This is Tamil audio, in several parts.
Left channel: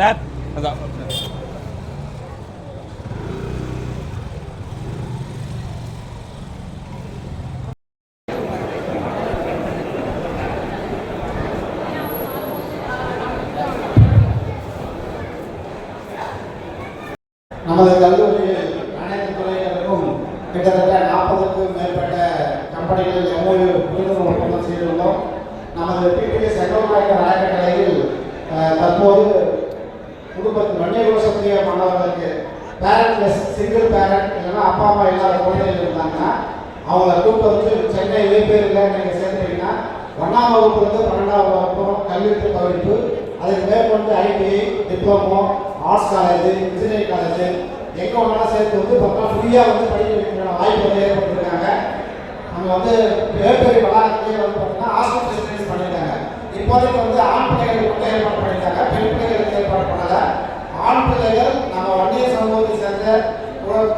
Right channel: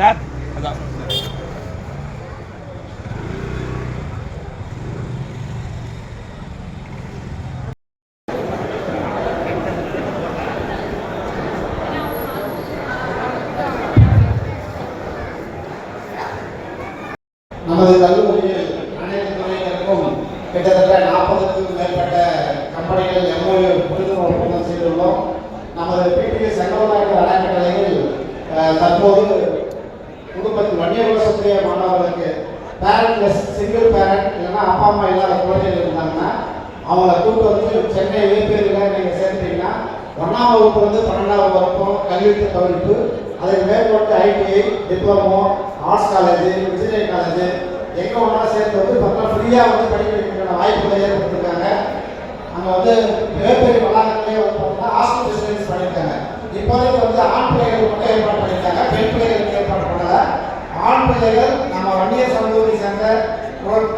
நமது கல்லூரியில் அனைத்து துறையினருக்கும் கிட்டத்தட்ட 40க்கும் மேற்பட்ட கம்பெனிகள் எம்ஓயு புரிந்துணர்வு ஒப்பந்தம் செய்துள்ளோம். நமது பிபிடி செங்கோநாயக்கர் அறக்கட்டளையில் தற்போது குடும்பத்தில் வன்னியர் வசதிய மாணவர்களுக்கு பேரண்ட் சிங்கிள் பேரண்ட் இல்லைன்னா அப்பா அம்மா இல்லாத குழந்தைகள் இருந்தாங்கன்னா அவங்கள கூட்டு வந்து சென்னை இடைப்பேரில் நீங்கள் சேர்த்துட்டீங்கன்னா 1ஆம் வகுப்புலேருந்து 12ஆம் வகுப்பும் கல்வி பகிர்ப்பு, அதுக்கு மேற்கொண்டு ITI, diploma, arts college, engineering college எங்கே ஒன்றாலும் சேர்த்து வந்து பார்த்தா ஃப்ரீயாக வந்து படிக்க வைக்கிற வாய்ப்புகளை ஏற்படுத்திருக்காங்க. அங்கே வந்து மிகப்பெரிய வளாகத்திலே வந்து பார்த்தீங்கன்னா ஹாஸ்டல் ஃபெசிலிட்டிஸ் பண்ணியிருக்காங்க. இப்போதைக்கு வந்து ஆண் பிள்ளைகளுக்கு ஏற்பாடு பண்ணியிருக்காங்க, பெண் பிள்ளைகளுக்கு ஏற்பாடு பண்ணல. ஆண் பிள்ளைகள் நம்ம வன்னியர் சமூகத்தை சேர்ந்த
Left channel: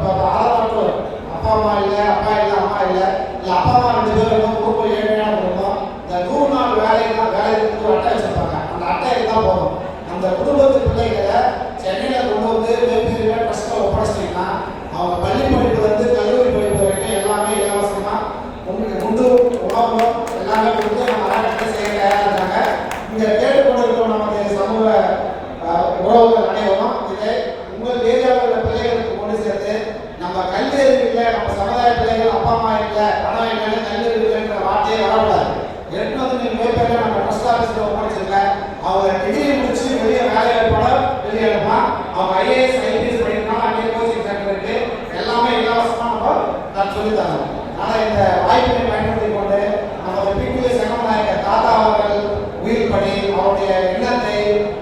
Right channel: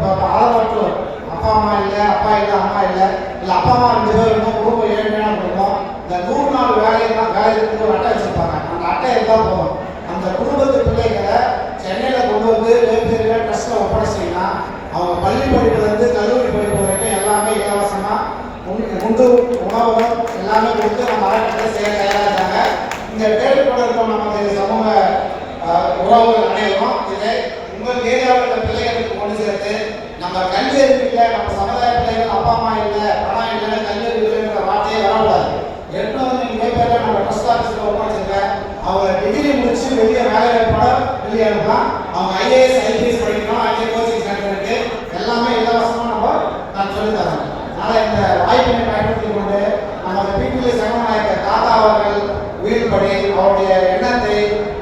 ஆதரவாற்றோர் அப்பா அம்மா இல்லை, அப்பா இல்லை, அம்மா இல்லை, இல்லை அப்பா அம்மா 2 பேர் இருந்தால் குடும்பம் ஏழ்மையான குடும்பம். இந்த 100 நாள் வேலைக்கு ஒரு அட்டை வச்சுருப்பாங்க. அந்த அட்டை இருந்தால் போதும். அந்த குடும்பத்து பிள்ளைகளை சென்னையில் கொண்டு வந்து வெவ்வேறு ட்ரஸ்ட்டில் ஒப்படைச்சிட்டிங்கன்னா அவங்க பள்ளி படிப்புலேருந்து கல்லூரி படிப்பு வரைக்கும் எல்லாமே இலவசமாக உண்டு உணவும் எல்லாமே கொடுத்து நம்ம அறக்கட்டளை செய்ய தயாராக இருக்காங்க. இந்த கேட்டுக்கொண்டிருக்கும் நமது சமூக உறவுகள் அனைவரும் இதை உங்கள் ஏரியாவில் உள்ள பிள்ளைகளுக்கு கொண்டு சேர்த்து நம்ம கல்வி அறிவு இல்லை, நம்ம சமுதாய பிள்ளைகள் அப்பா அம்மா இல்லை, பணம் இல்லைன்னு கல்வி அறிவு இல்லைன்ற வார்த்தையே வரக்கூடாது. எடுத்து நீங்கள் பேப்பரில் நம்ம ட்ரஸ்ட் ஆஃபீஸில் ஒப்படைச்சிருக்கேன். அவங்க டிகிரி முடிச்சு வெளியே வேலை வாய்ப்போட வெளியேறா அவங்க ஐஏஎஸ் ஐபிஎஸ் படிக்கணும். அங்கே கோச்சிங் சென்டர் இருக்கு, எல்லாமே இலவசமாக நான் சொல்லித்தரேன். அதனால் இந்த வாய்ப்பினை பயன்படுத்தி கொண்டு நமது பிபிடி செங்கோநாயக்கர் தாத்தா அவர்கள் உயிர்படி அவருடைய எண்ணத்தை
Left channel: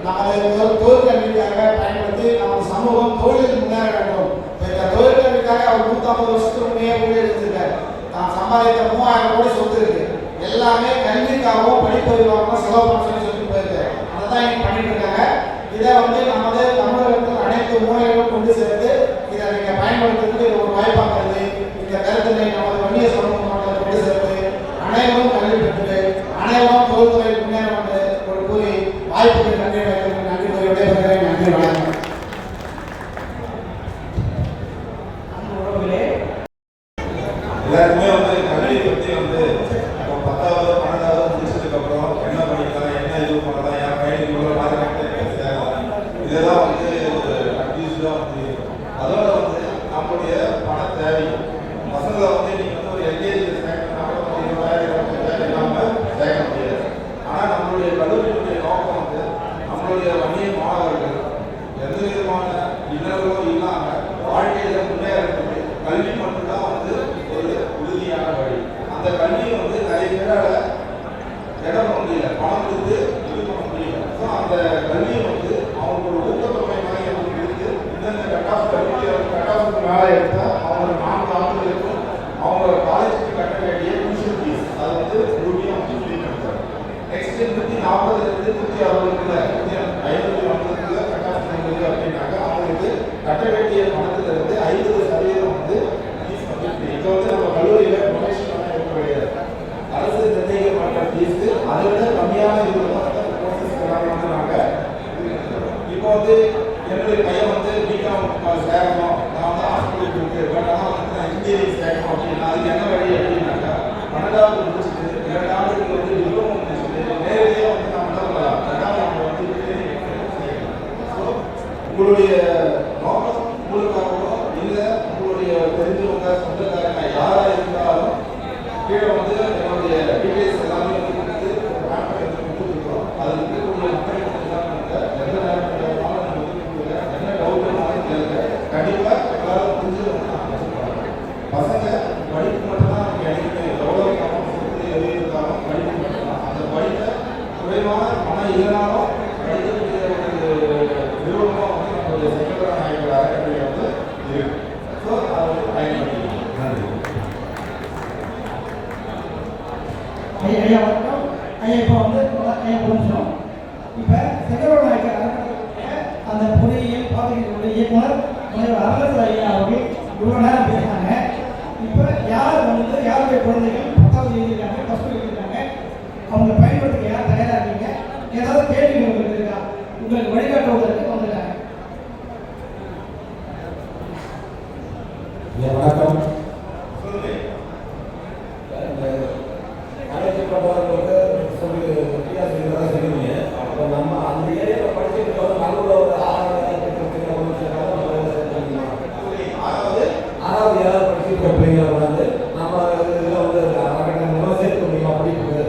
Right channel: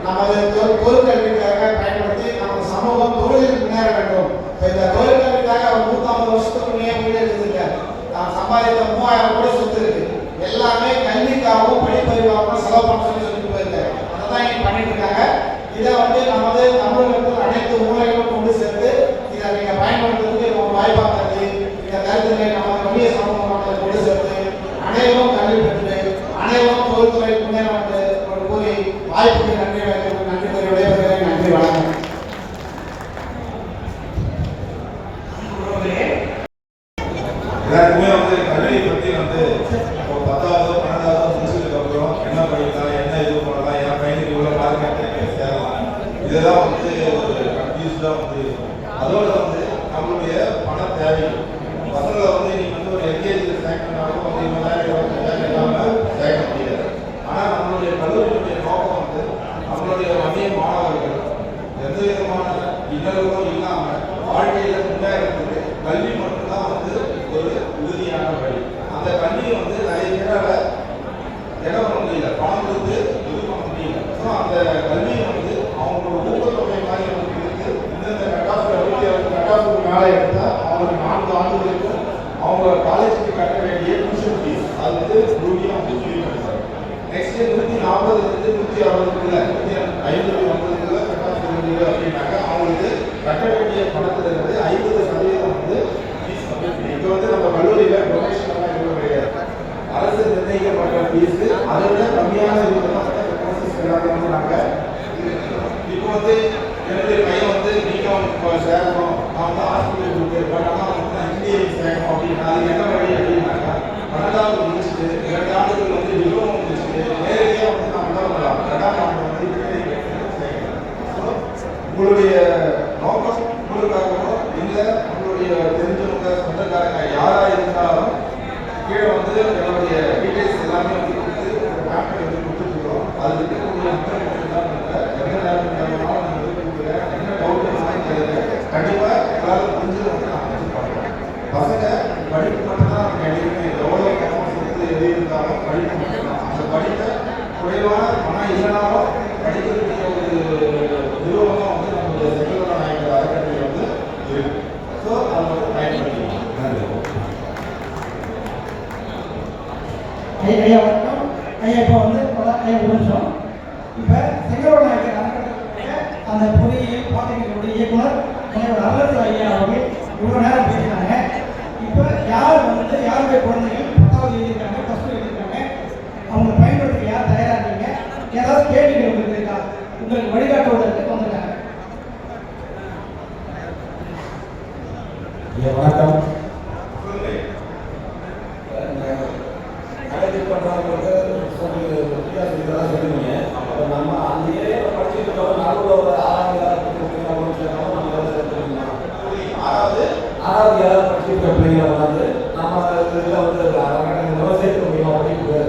நமது தொழிற்கல்விக்காக பயன்படுத்தி நமது சமூகம் தொழிலில் முன்னேற வேண்டும். இந்த தொழிற்கல்விக்காக அவர் 150 வருஷத்துக்கு முன்னே இருந்திருக்காரு. நான் சம்பாதித்த 3000 கோடி சொத்து இருக்கு, எல்லாமே கல்விக்காகவும் படிப்பதற்காகவும் செலவு பண்ண சொல்லி போயிருக்காரு. அதை தான் இங்கே பண்ணிட்டு இருக்காங்க. இதை வந்து நமது தமிழகத்தில் அனைத்து மூலைகளும் கொண்டு சேர்த்து இதை நீங்கள் பயன்படுத்துறதுக்கு நம்ம வாய்ப்பாகிறது. இந்த கருத்துக்களை நமது வன்னிய சமூக மக்களை கொண்டு சேர்த்து அனைவரும் கல்வி பெற்று அனைவரும் தொழில்துறை முன்னேற ஒரு கூறி வாய்ப்புக்கு நன்றி நன்றி கூறி விடைபெறுகிறேன். நன்றி, வணக்கம். எல்லாருக்குமே வந்து கல்வியை பற்றி வந்து 10வது 12வது முடிச்சதுக்கு அப்புறம் என்ன பண்ணிக்கலாம், என்ன இது பண்ணலாம், என் பையனுக்கு இவ்வளோ பாதுகாப்பு சேரலாம், இதெல்லாம் வந்து ஒரு கன்ஃபியூஸ்டாக வந்து இருக்கும். அதோட வந்து நம்மளுடைய பண தேவை பசங்களை வந்து நீங்கள் வந்து ஒரு எல்கேஜி சேர்க்க பண்ணாலும் வந்து 20,000 25,000 இல்லாமல் சேர்க்க முடியாது. ஆனால் நம்மளுடைய கல்லூரியுடைய நோக்கம் வந்து நம்மளுடைய வன்னிய மாணவர்கள் எந்த விதமான இன்னல்களும் இல்லாமல் வாழ்க்கையில் முன்னேறதுக்கு கல்வி மட்டும்தான் வந்து ஒரு உறுதியான வழி. அந்த கல்வியை வந்து நிறைய பேரால் இடம் பண்ண முடியல, பணம் கொடுத்து இது பண்ண முடியல. ஸோ அந்த கல்வியை வந்து அவங்களோட ஊக்கத்தொகை மாதிரி கொடுத்து இந்தந்த கட்டாஃபுக்கு மேலே எடுத்தால் அவங்க 4 ஆண்டுகளுக்கும் அவங்களோட காலேஜுக்கு கட்ட வேண்டிய டியூஷன் ஃபீஸ் அது வந்து ரூபாய் வந்து ஃப்ரீ பண்ணுறாங்க. நெக்ஸ்ட் 140 160 550 கட்டாஃபு அப்படின்னாக்க அவங்களுக்கு கட்ட வேண்டிய பணத்திலிருந்து 50% வந்து ஃபீஸ் வந்து ஃப்ரீ. இது வந்து நம்ம கல்லூரியில் டொனேஷன் எதுவும் கிடையாது, அரசு நிர்ணயிக்கப்பட்ட ஃபீஸ். அதை விட கம்மியான கோர்சஸ் எல்லாமே வந்து நாங்கள் இப்போ வந்து என்னுடைய பையன் வந்து பிகாம் சேரணும், நான் வந்து ஹாஸ்பிட்டல் போட்டு பட் ஆனால் வந்து நான் இன்ஜினியரிங் சேரணும் அப்படின்னா அதுக்கு என்ன வழி அப்படின்னாக்கா 12வது முடிச்சுட்டு 2 ஆண்டுகள் வந்து டிப்ளமோ முடிச்சுட்டு நேரடியாக வந்து நான் என்ன பண்ணலாம், 2ஆம் ஆண்டு வந்து இன்ஜினியரிங் செய்யணும். ஸோ உங்களுடைய நோக்கம் உங்களுக்காகவோ இல்லை உங்களுடைய தெரிஞ்சவங்க சொந்தக்காரங்க யாராக இருந்தாலும் கீழே வந்து என்னுடைய டீட்டெயில்ஸ் எல்லாமே வந்து கொடுத்து ஒரு பேங்க் வந்து கொடுத்துருக்கோம். அது இருக்கக்கூடிய மக்கள் எல்லாம் எந்த நேரம் தேவைனாலும் நான் வந்து கொடுக்குறேன். என்ன டவுட்டுனாலும் கேளுங்க, கண்டிப்பாக எல்லாரும் புரிஞ்சு வந்து நான் வச்சு பண்ணுறேன். பசங்க படிப்பு மட்டும்தான் நம்ம எழுதிக்கணும், எவ்வளோ பணம் கொடுத்து எது இருந்தாலும் படிப்பு மட்டும்தான். அந்த படிப்பை குறைவான பணம் இல்லைனாலும் படிக்கிறதுக்கு ஒரு நிறுவனம் வந்து நம்மளுடைய செங்கோநாயக்கர் அறக்கட்டளை வந்து இருக்கு. ஸோ அதை வந்து பயன்படுத்திக்கலாம். ஐயா வணக்கம். ஐயா இப்போ வந்து ஐயா முடிச்சோம். இப்போ செங்கோநாயக்கர் அறக்கட்டளை அந்த பொறியியல் பாடங்களுடைய இயக்குனர் அரசு ஐயா அவர்கள் இவ்வளோ நேரம் பேசினாங்க. இப்போ யார் வந்து யாருடைய குழந்தைகள் 10வது எழுதியிருக்காங்க, +2 எழுதியிருக்காங்க, அவங்களை பயன்படுத்த யார் தயாராக இருக்கீங்க, ஏதாவது கேள்விகள் இருக்கா உங்களுக்கு வழிகாட்டுவதற்கு வணக்கம். சொல்லுங்க. காலேஜ் பண்ணுறவங்களுக்கு சொல்லுவீங்க. அப்புறம் நம்ம அந்த ஏரியாவில் படிச்சுட்டு இருக்கோம். நடுவில் ஒரு 6வது ஏழாவது படிச்சுட்டு இருக்க பிள்ளைங்க வந்து நம்ம இதில் வந்து சேர்க்க முடியுமா படிக்கிறது?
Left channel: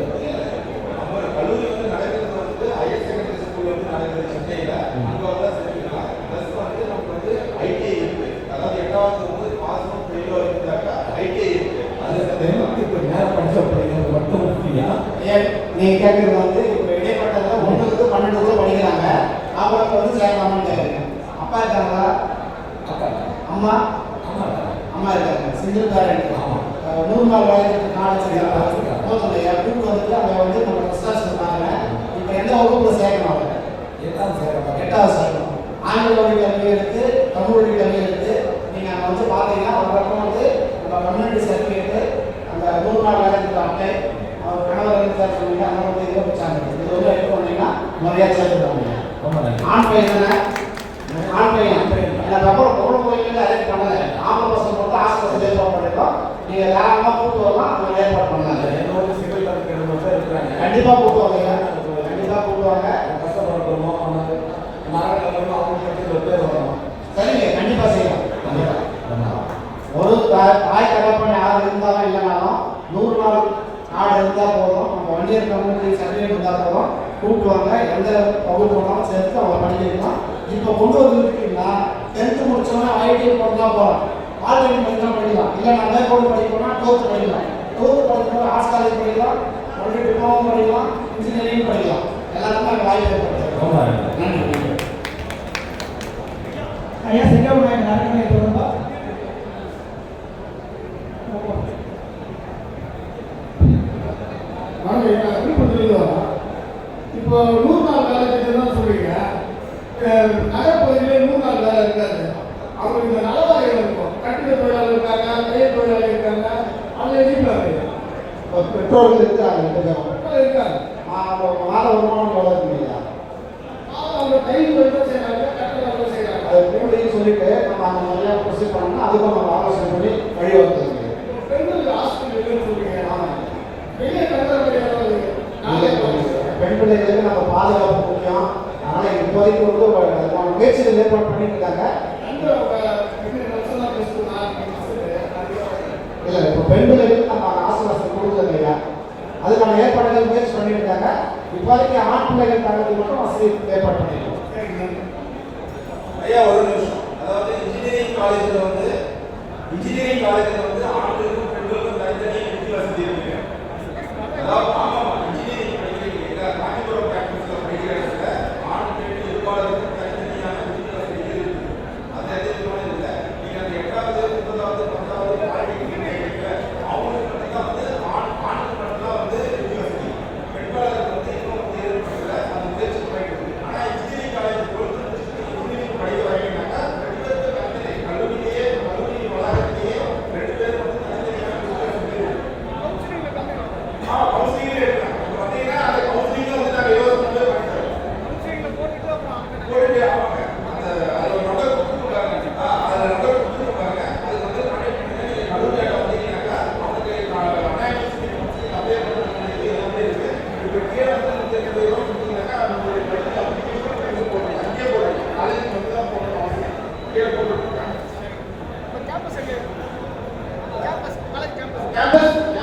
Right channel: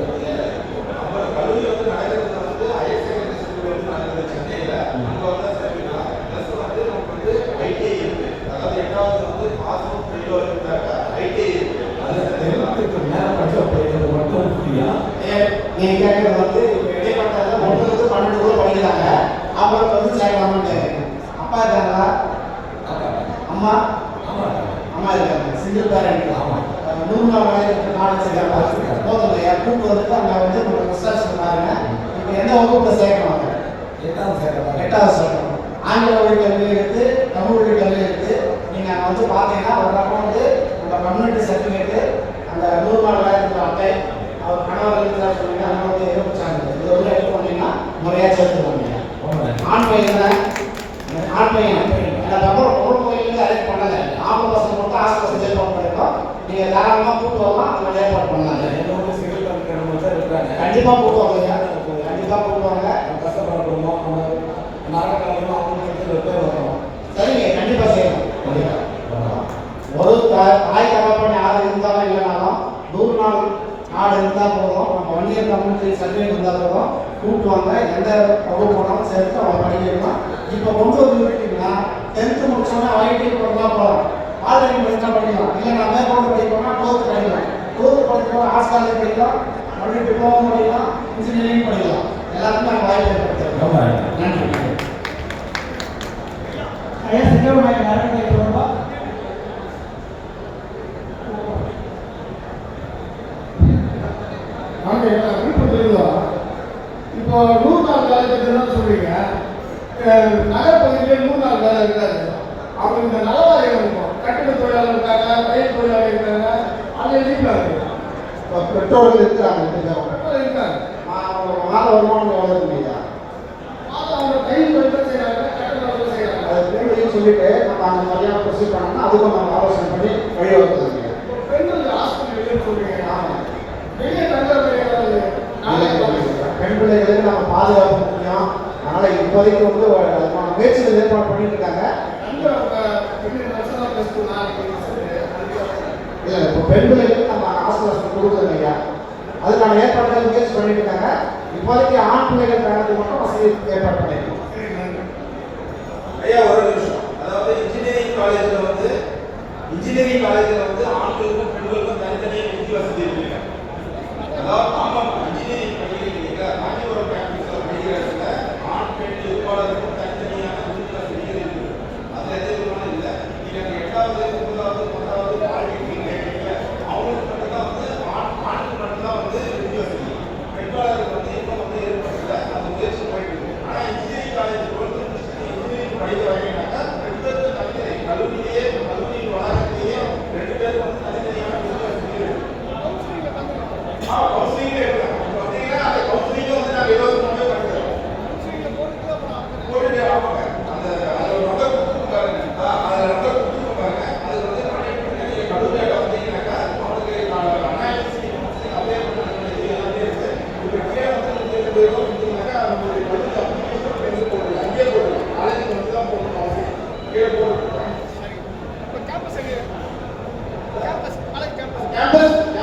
நம்ம கல்லூரி வந்து நடக்கிறது வந்து ஹையர் செகண்டரி ஸ்கூல் வந்து நடக்குது சென்னையில். அங்கே வந்து சேர்த்துக்கலாம். ப்ளஸ் வந்து நமக்கு வந்து ஐடிஐ இருக்கு. அதாவது 8வது வந்து பாசனம் வெளியில் இருக்கிறாங்க. ஐடிஐ இருக்கு. அது 10th நேரம் படிச்ச பிள்ளைங்க மட்டும் ஃப்ரீயா? நீங்க கேட்கறது வந்து இப்போ இடைப்பட்டது 1 to 12 படிக்கிறாங்க. அவங்களுக்கு வந்து சேர்க்கலாமான்னு கேட்குறீங்க. அப்பா இருக்காங்களா? அம்மா அம்மா இருக்காங்க. Single parent. 3 நாள் வயதுக்கு காலேஜ் சேர்க்க போதும் இல்லையா? கூப்பிட்டு வந்து அங்கே வந்து நம்ம ரிசர்ச் பண்ணாங்க. இப்போ எந்த வகுப்பில் சேர்க்கணும்? 8வது சேர்க்கணும். 8வது சேர்க்கணும். ஆங்கில வழி கல்வி எடுத்து தமிழ் வழி கல்வி எடுத்து நீங்கள் அங்கே வந்து பார்த்தீங்கன்னா ஒரு பக்கம் வந்து உங்கள் கம்யூனிட்டி சர்டிஃபிகேட்டு அந்த 3 நாள் வயதுக்கு அட்டை அவர் கணவர் இருந்தார் சொன்னீங்க அந்த வந்து இதை வச்சாங்க. இது வந்து எடுத்து பண்ணீங்கன்னா முறையாக சேர்த்துருவாங்க. ஆண் பையன் தானே? ஆண் பையன் அதுக்கப்புறம் பொருள் கோயிலுக்கு அரேஞ்ச் பண்ணலை. ஆம்பளை பசங்க மட்டும் ஆசை பசங்க ஏற்பாடு பண்ணிட்டோம். நீங்கள் தாராளமாக கூப்பிட்டு வரலாம். நம்ம ஏற்பாடு பண்ணலாம். என்னோட சிங்கிள் பேரண்ட் மட்டும் இருக்கிறாங்க. கண்டிப்பாக கூப்பிடுவாங்க. கண்டிப்பாக கூப்பிடுவாங்க. கஷ்டப்படுறோம். நாகரிகம் அவங்க பேர் வரணும். சரிங்க, கண்டிப்பாக செய்யணும். ஒரு தாய் தகப்பன் யார் இருந்தாலும் இல்லைனாலும் 100 நாள் கார்டு இருந்தால் போதும். நம்ம வண்டியர் கம்யூனிட்டி சர்டிஃபிகேட் இருந்தால் போதும். கூப்பிடுவாங்க. எந்த வகுப்பு போனாலும் சேர்த்து அவங்க பண்ணிக்கலாம். இப்போ கொண்டு வந்துருக்கீங்கன்னா 10th முடிச்சோன்னா ஐடி போனால் போகிறோம். ஆன்லைன் படிக்கலாம் படிக்கலாம். இல்லை நான் மேற்கொண்டு படிக்கணும்னா 12th படிக்கலாம். 12th படிக்கணும் ஆர்ட்ஸ் காலேஜ் படிக்கலாம். மறுபடியும் டிப்ளமோ படிக்கலாம். இன்ஜினியரிங் படிக்கலாம். எல்லாத்துக்கும் நாங்கள் வாய்ப்பு ஏற்படுத்துகிறோம். நன்றி. ஐயா செங்கோடு நாயகர் தொடர்பா இப்போ 100 நாள் வேலை திட்டம்னு சொல்றீங்க. நகர்பகுதியிலே 100 நாள் வேலை இருக்காது. அவங்க இந்த நலவாரியம் இருக்கும். கட்டிட தொழிலாளர் இருக்காங்க, கைத் தொழிலாளர் இருக்காங்க, அங்கே இருக்காங்க. பெற்றோர்கள் இருக்கிறாங்க. இருக்காங்க. மாத வருமானம் எவ்வளோ இல்லையா? அவங்க கையில் தொழில் செய்யறாங்க, கட்டிட தொழில் செய்யறாங்க. அது கூடுதல் சொல்லிட்டு நம்ம அந்த மாதிரியாக ப்ரொசீட் பண்ணோம்னா அதுக்கும் நம்ம ஆலோசனை பண்ணி வழிவகுத்துருங்க. பெண்கள் ஹாஸ்பிட்டல் சொல்றீங்க. வெளியே தங்குற பெண் பிள்ளைகளுக்கு நம்ம பாதுகாப்பு முக்கியம். அதனால இப்போதைக்கு வந்து முயற்சிகள் ஏற்பாடு பண்ணிட்டு இருக்காங்க. இல்லை இப்போ பெண் பிள்ளைகளுக்கு நம்ம அரசு வசதி கொடுக்குறது இல்லையா? அதுக்கான ஏற்பாடுகள் முயற்சி பண்ணிட்டு இருக்காங்க. இப்போதைக்கு ஆண் பிள்ளைகள் காலத்துக்கு மட்டும் வசதி ஏற்பாடு பண்ணிருக்கோம். ஐயா ஒரு நிமிஷம். அதாவது இன்ஜினியரிங் காலேஜில் வந்து ஆண்களுக்கும் பெண்களுக்கும் தனித்தனியாக வீட்டு வசதி இருக்கு. அதாவது ஆமாம் இன்ஜினியரிங் படிக்கிறீங்க ஆங்கிலோட ப்ராக்டிஸில் படிக்கிறாங்க. ஆண் பெண் இருப்பாளருக்கும் தனித்தனியான வீட்டு வசதிகள் இருக்கு. அது எதுவும் இல்லை. நீங்கள் 8வது 9வது 10வது பாலிடெக்னிக் அவங்களுக்கு மட்டும்தான் வந்து ஆணுக்கு மட்டும்தான் வந்து வீட்டு வசதி. பெண்பாளருக்கு வந்து இன்னும் வந்து ஏற்படல. அது முயற்சி பண்ணிட்டு இருக்கு. ஆனால் இன்ஜினியரிங் காலேஜ் பொறுத்து இன்ஜினியரிங் படிக்கிறாங்கன்னா 2 பேருக்கு தனித்தனி கல்லூரியிலேயே கல்லூரி வளாகத்திலேயே 2 பேருக்கு வந்து தனித்தனியான வீட்டு வசதி இருக்கு. கவுன்சிலிங்கே இருக்காங்க. பார்த்தீங்கன்னா அந்த கவுன்சிலிங்க வந்து நாங்கள் இலவசமாகவே பண்ணுறோம். போயிட்டு ஆமாங்க. அதில் ஒரு நம்பர் கொடுத்துருக்காங்க. அதில் நம்பர் கொடுத்துருக்காங்க. அது வந்து கல்லூரியில் பார்த்தீங்கன்னாக்கா அவங்களுக்கு அனாலிசிஸ் அப்படியே எல்லாமே இருக்கு. இப்போ கீழே வந்து 2 பேரும் கொடுத்துருந்தாக்கா நம்மளுடைய கல்லூரி போட்டு அங்கேயே போடுறோம். காலேஜுக்கு வந்து தான் போடணும் அவசியம். கீழே போட்டுருக்காங்க. கேம்பஸ் வந்து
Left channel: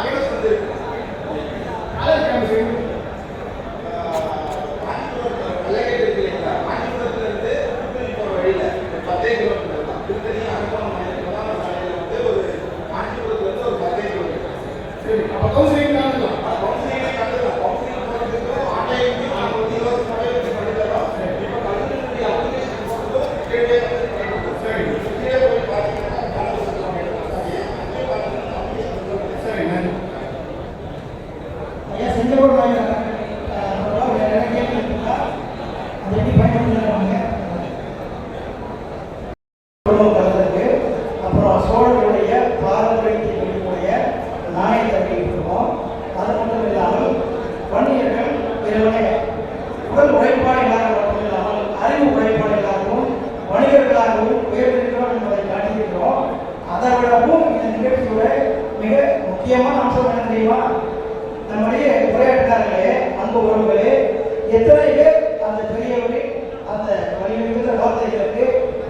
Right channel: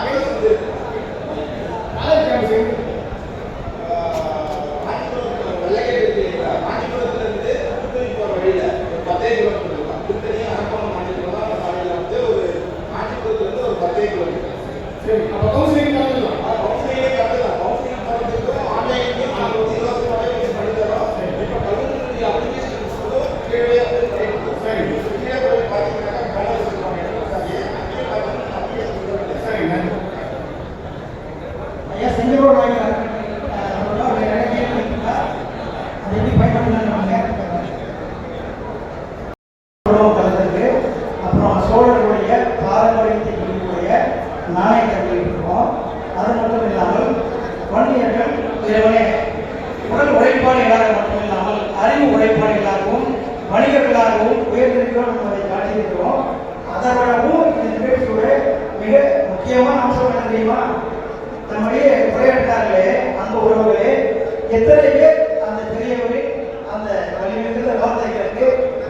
ஐயா செங்கோடு நாயகர் அது எப்படி பயன்படுத்தினாங்க? அப்புறம் சோழர்களுடைய பாரம்பரியத்தை குறிக்கூடிய நாணயத்தை வைத்திருக்கோம். அது மட்டும் இல்லாமல் வன்னியர்கள் இறைவனே உடல் உழைப்பாளிகளாக மட்டும் இல்லாமல் அறிவு உழைப்பாளிகளாகவும் வணிகர்களாகவும் வேறு இருக்கிறோம் என்பதை காட்டியிருக்கிறோம். அதை விட நிகழ்ச்சியோட மிக முக்கியமான அம்சம் என்ன தெரியுமா? நம்முடைய உரையாட்டார்களே, அன்பு உறவுகளே, எத்தனை பேர் அந்த பெரியவரை அந்த வலிமைமிகுந்த வார்த்தைகளுக்கு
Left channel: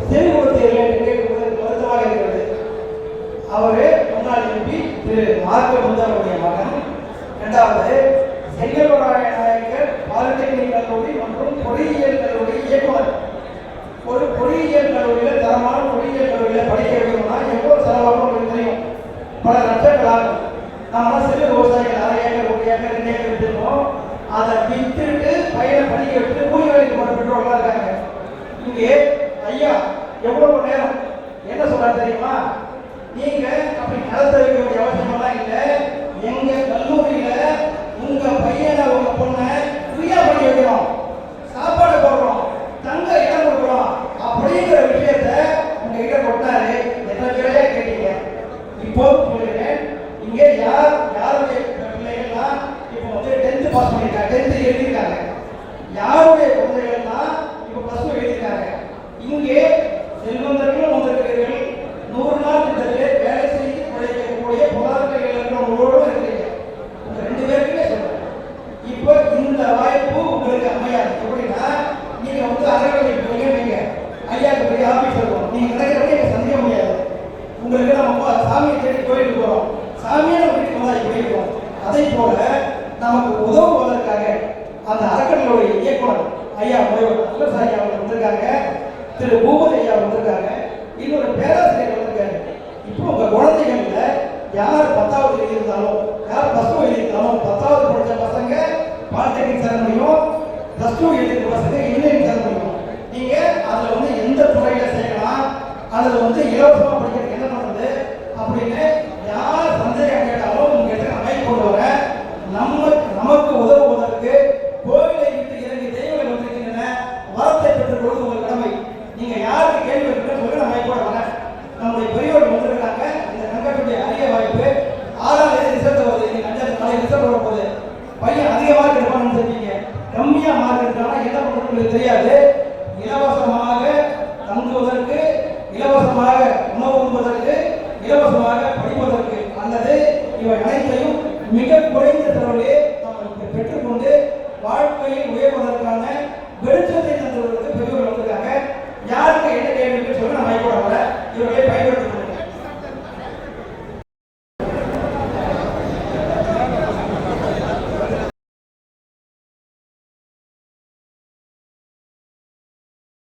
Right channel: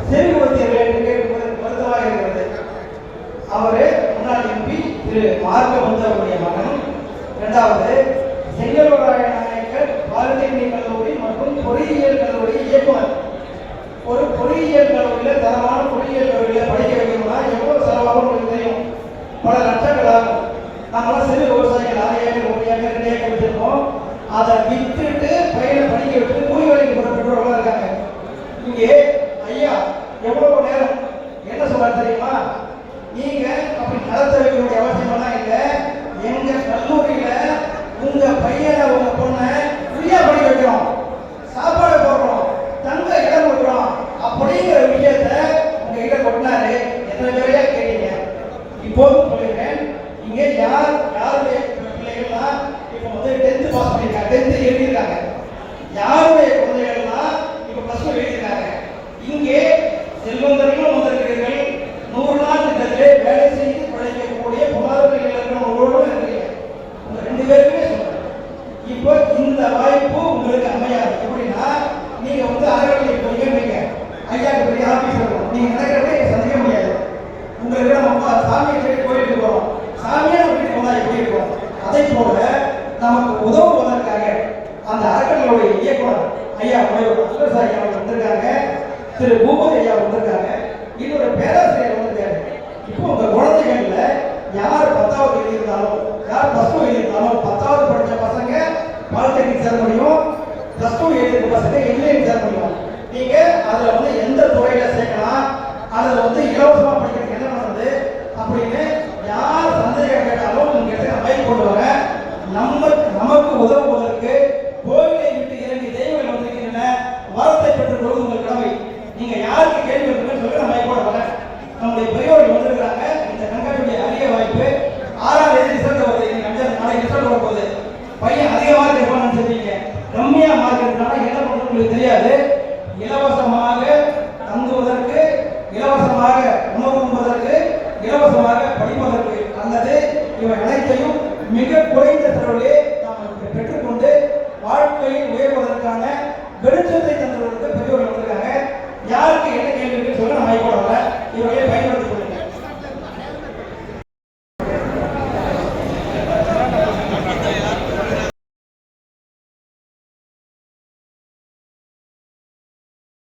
செவிப்படுத்தியவர்கள் என்று கேட்கும்போது வருத்தமாக இருக்கிறது. அவரு முன்னாள் எம்பி திரு மார்க்க அவருடைய மகன். இரண்டாவது, செங்கல்வராய நாயக்கர் பாலிடெக்னிக் கல்லூரி மற்றும் பொறியியல் கல்லூரி இயக்குனர். ஒரு பொறியியல் கல்லூரியில் தரமான பொறியியல் கல்லூரியில் படிக்க வைக்கணும்னா எவ்வளவு செலவாகும் உங்களுக்கு தெரியும். பல லட்சங்கள் ஆகும். நம்மளாம் சிறு விவசாயிகள் 6 ஏக்கர் 1 ஏக்கர் 2 ஏக்கர் வச்சிருக்கோம். அதை விட்டுட்டு பையனை படிக்க விட்டு கூலி வேலைக்கு போகிற பெற்றோர்களாக இருக்காங்க. இங்கே ஐயா எவ்வளவு நேரம் என்ன சொல்ல தெரியுமா? நீங்க அப்படி நடத்த வைக்க வேண்டிய அவசியமெல்லாம் இல்லை. எங்க கல்லூரியில உங்க பையனை உங்க பொண்ணை ஃப்ரீயா படிக்க வைக்கிறோம், சாப்பாடு போடுறோம், தங்க இடம் கொடுக்குறோம் அப்படிங்கிற விஷயத்த உங்ககிட்ட கொண்டாரு. என்ன வேலையா கேட்டீங்க? இப்போது சொல்லிடுறேன். இங்க யாருடைய பிள்ளைகள்லாம் இப்போ வந்து 10th பாஸ் பண்ணியிருக்காங்க, 10th எழுதியிருக்காங்க. யாருடைய குழந்தைகள்லாம் இப்போ +2 எழுதியிருக்காங்க. இங்கே செல்வந்தர்களும் வந்திருக்கிறீர்கள். 100 நாள் திட்டத்தில் வேலை செய்து பிழைக்கக்கூடிய பொருளாதார இருக்கிறவங்களோடு இருக்கிறீங்க. உங்க 2 பேருக்குமே சொல்றேன். இப்போ இந்த வாய்ப்பு உங்களுக்கு அமையாது. எப்படின்னா நீங்க வந்து அறநிலை போயிருவீங்க, ஐயாக்கு பெரிய ஆபீஸ் இருக்கும், நீங்க கிடைக்கிறதே சந்திக்க முடியாது. உங்களுக்கு நம்ம சாமியை தேடி கோயிலுக்கு போறோம், சாமியை நம்ம வீட்டுக்கு வந்தா போயிருக்கோம். அதே போல நமக்கு உதவுவதற்காக அந்த அறக்கட்டளையுடைய இயக்குனர் ஐயா முனைவர் ஐயா வந்திருக்காங்க, திரு பூபதி ஐயா வந்திருக்காங்க, இன்னொரு பேராசிரியர் வந்திருக்காரு. இப்போ உங்க குழந்தைகள்ல யார் 10வது எழுதியிருந்தாலும், யார் +2 எழுதியிருந்தாலும், 10வது படிச்ச பசங்க பாலிடெக்னிக் சேர முடியும், +2 எழுதிய பசங்க இன்ஜினியரிங் சேர முடியும். நீங்க அதுல வந்து எந்த துறையில சேர்க்கலாம், அதுல வந்து இலவசமா படிக்கிறதுக்கு என்ன பண்ணுறது அப்படின்னு யார் சந்தேகம் கேட்டாலும் உங்க இடத்துல மைக் கொண்டு வர. நமக்கு உதவுவதற்கு கோவிலை விட்டு இறங்கி தெய்வங்கள் வந்திருக்கின்றன, வரத்தை பெற்றுக் கொள்வது உங்கள் கடமை. நீங்க யாருக்கு கேள்வி இருக்குன்னு சொல்லி நான் மைக் போட வரேன். நம்முடைய பெரியவர்கள் வந்திருக்கிறாங்க. இந்த கங்கனுடைய அரிய வாய்ப்பு 6ஆம் தேதி ரிசல்ட் வருது. இன்னைக்கு நாளைக்கு ரிசல்ட் வர போகுது. பையன் அதிக மார்க் எடுப்பான்னு சொல்றீங்க, கம்மியா மார்க் எடுத்தாலும் என்ன பண்ணுறது உங்களுக்கு தெரியாது.